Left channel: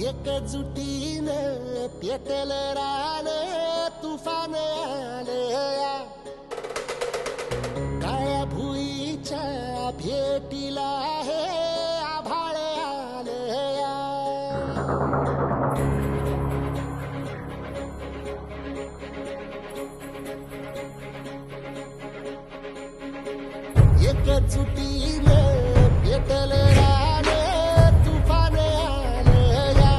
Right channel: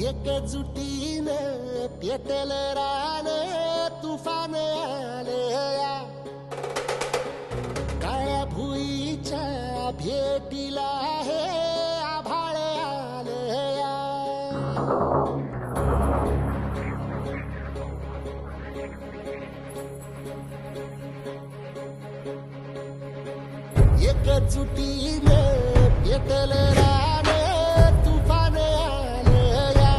एकजुटीनं पेटल रान तुफान आलया काळ्या भुईच्या भेटीला हे आभाळ आलया एकजुटीनं पेटल रान तुफान आलया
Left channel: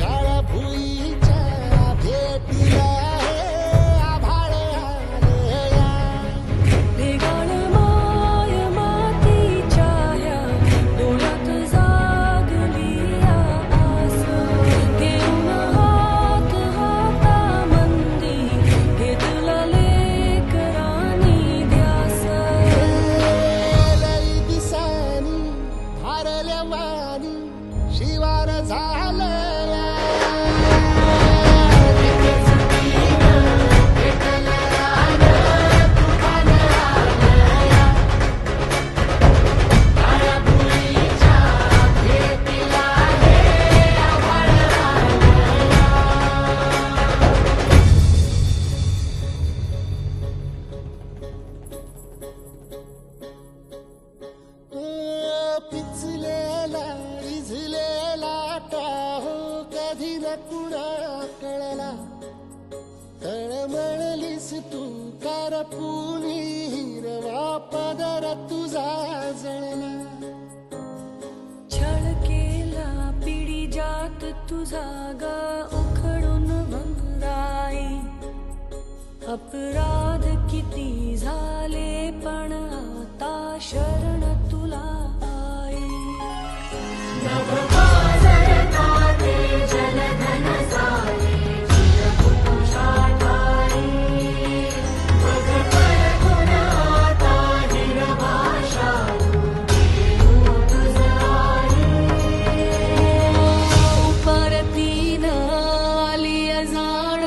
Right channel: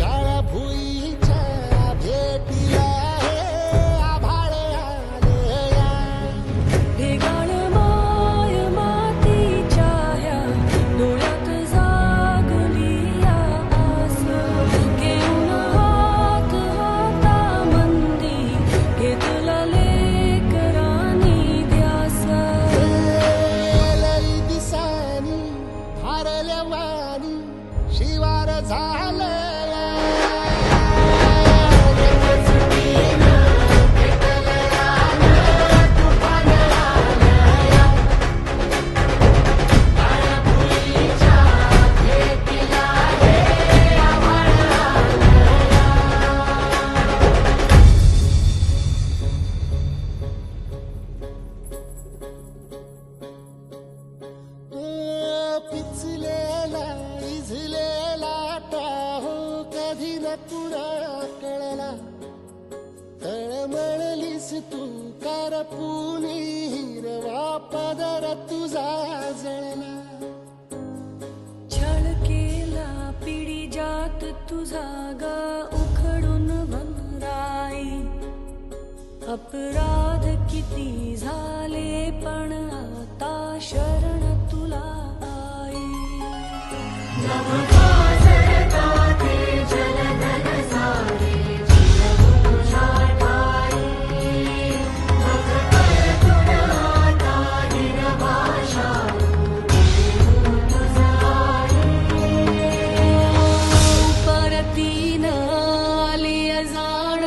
काळ्या भुईच्या भेटीला हे आभाळ आलया ढेगाळ माय मातीच्या ह्या डोळ्यात जागली या आस घेऊन हात हातामंदी घेतला लेकरांनी ध्यास लई दिसानी भारल्या वाणी शिवार झालया पेटल रान तुफान आलया काळ्या भुईच्या भेटीला हे आभाळ आलया पिचलेला इझलेला टाहो कधी न कुणा कळला तळमळलीस तू करपुनी हिरवा पदर तुझा जळला छळ केला पिढी जात तुझा गा उखडून वनराई अपराध किती झाले पण आता शरण तुला आई परतीनं आली जाण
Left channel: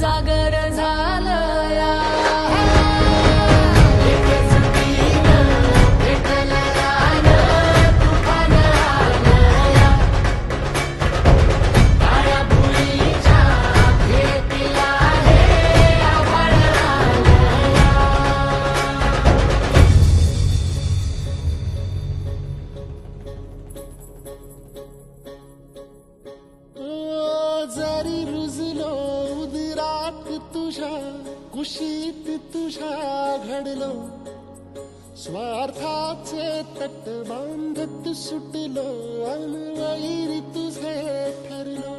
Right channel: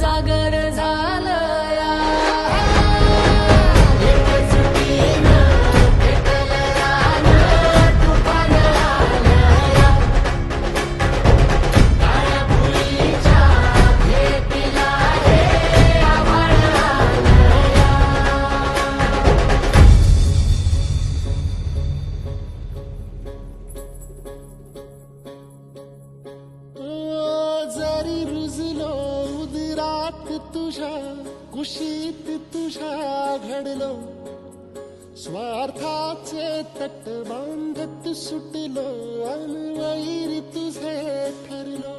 जागर झालया एकजुटीनं पेटल रान तुफान आलया काळ्या भुईच्या भेटीला हे आभाळ आलया जरी रुजलो उदरात तुझ्या कुशीत तुझ्या घडलो स्वार्थाचे तट बांधत सुटलो अनवैरी तुझे ठरलो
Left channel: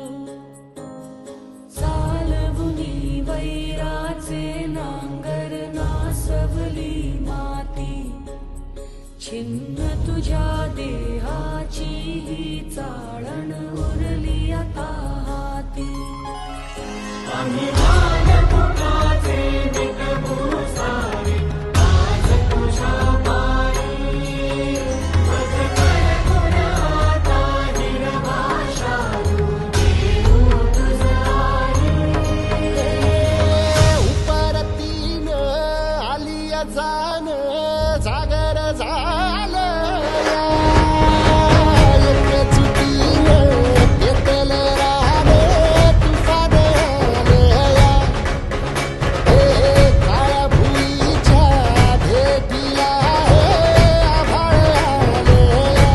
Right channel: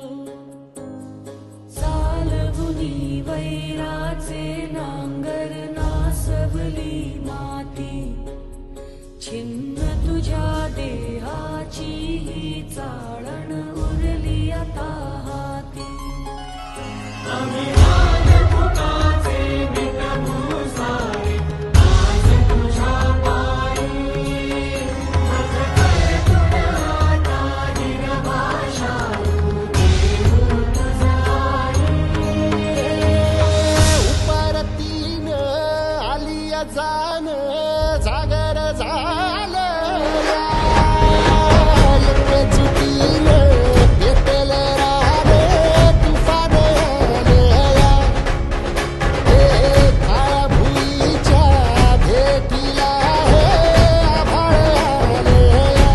चालवुनी वैराचे नांगर नासवली माती छिन्न तुझ्या देहाची ही चाळण उरली आता हाती उपरतीनं आलिया जाण जागर झालया एकजुटीनं पेटल रान तुफान आलया हे काळ्या भुईच्या भेटीला हे आभाळ आलया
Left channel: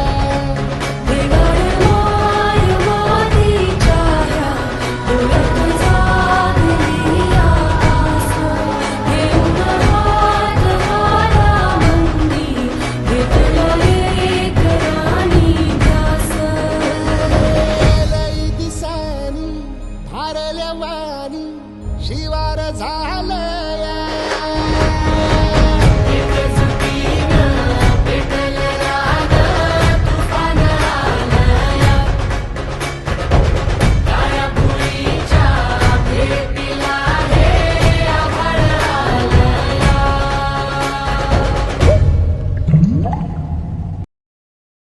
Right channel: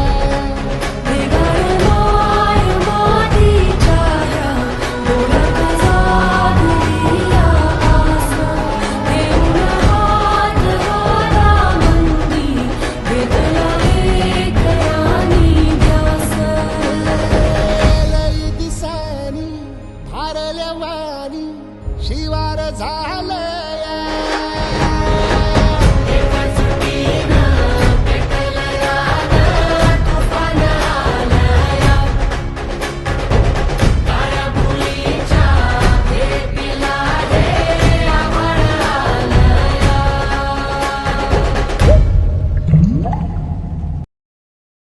ढेगाळ माय मातीच्या ह्या डोळ्यात जागली या आस घेऊन हात हातामंदी घेतला लेकरांनी ध्यास लई दिसानी भारल्या वाणी शिवार झालया